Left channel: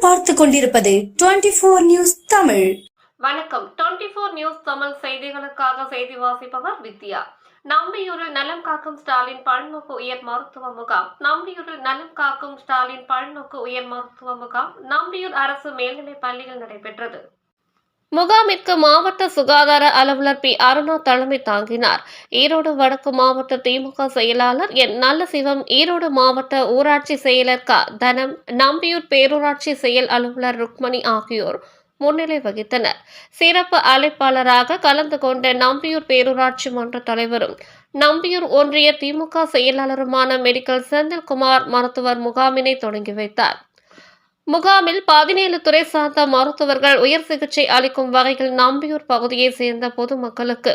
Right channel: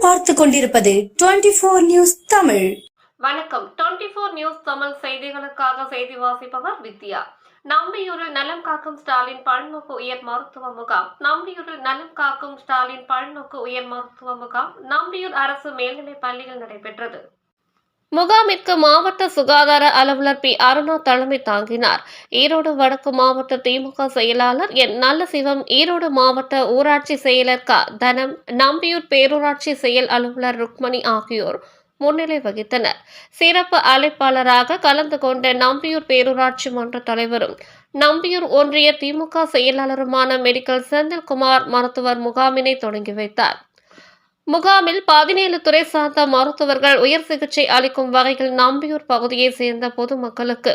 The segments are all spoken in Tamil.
நீங்கள் பார்த்து கொண்டிருப்பது 24 நியூஸ் தமிழ். வணக்கம். 24 நியூஸ் தமிழ் செய்திகளுக்காக செய்தி வாசிப்பவர் வித்யா. நம்பியூரில் நலம் காக்கும் ஸ்டாலின் பல்நோக்கு உயர் மருத்துவ முகாம். நம்பியூரில் நலம் காக்கும் ஸ்டாலின் பல்நோக்கு உயர் மருத்துவ முகாம் நம்பியூர் அரசு மேல்நிலைப் பள்ளியில் நடைபெற்றது. முகாமிற்கு மாவட்ட சுகாதார அலுவலர் பி அருணா தலைமை தாங்கினார். ஈரோடு வடக்கு மாவட்ட திமுக செயலாளர் என் நல்லசிவம், ஈரோடு மாவட்ட ஊராட்சி செயலர் க தனம், நம்பியூர் பேரூராட்சி செயல் அலுவலர் ருக்மணி ஆகியோர் முன்னிலை வகித்தனர். சிறப்பு அழைப்பாளராக கலந்து கொண்ட நம்பியூர் பேரூராட்சி மன்ற தலைவரும் நம்பியூர் ஒன்றிய திமுக செயலாளருமான மெடிக்கல் செந்தில்குமார் மருத்துவர் முகாமினை தொடங்கி வைத்தார். முகாமில் 17 துறை சார்ந்த மருத்துவர்கள் உயர் சிகிச்சை அளிக்கும் வகையில் நம்பியூர் பகுதியைச் சேர்ந்த பொதுமக்களுக்கு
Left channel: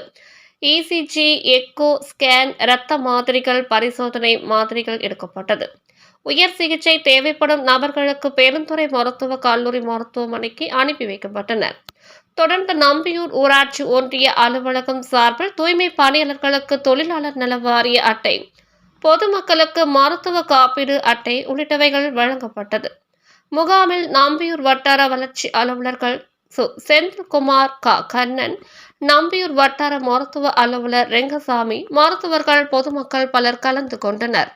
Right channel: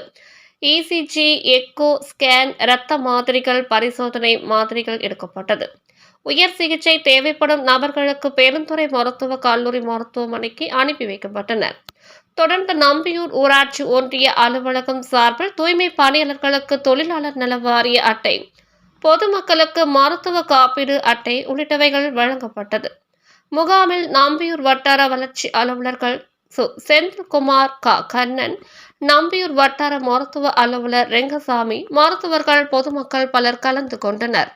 இசிஜி, எக்கோ, ஸ்கேன், இரத்த மாதிரிகள், பரிசோதனை மாதிரிகள் எடுக்கப்பட்டது. உயர் சிகிச்சை தேவைப்படும் நபர்களுக்கு பெருந்துறை மருத்துவக் கல்லூரி மருத்துவமனைக்கு அனுப்பி வைக்கப்பட்டனர். தொடர்ந்து நம்பியூர் ஊராட்சி ஒன்றிய அலுவலகம் சார்பில் தூய்மை பணியாளர்களுக்கு தொழிலாளர் நல வாரிய அட்டை, பொதுமக்களுக்கு மருத்துவ காப்பீடு அட்டை உள்ளிட்டவைகள் வழங்கப்பட்டது. முகாமில் நம்பியூர் வட்டார வளர்ச்சி அலுவலர்கள் செந்தில்குமார், க கண்ணன், நம்பியூர் வட்டார மருத்துவ அலுவலர் ரெங்கசாமி, மருத்துவர்கள், பொதுமக்கள் பலர் கலந்து கொண்டனர்.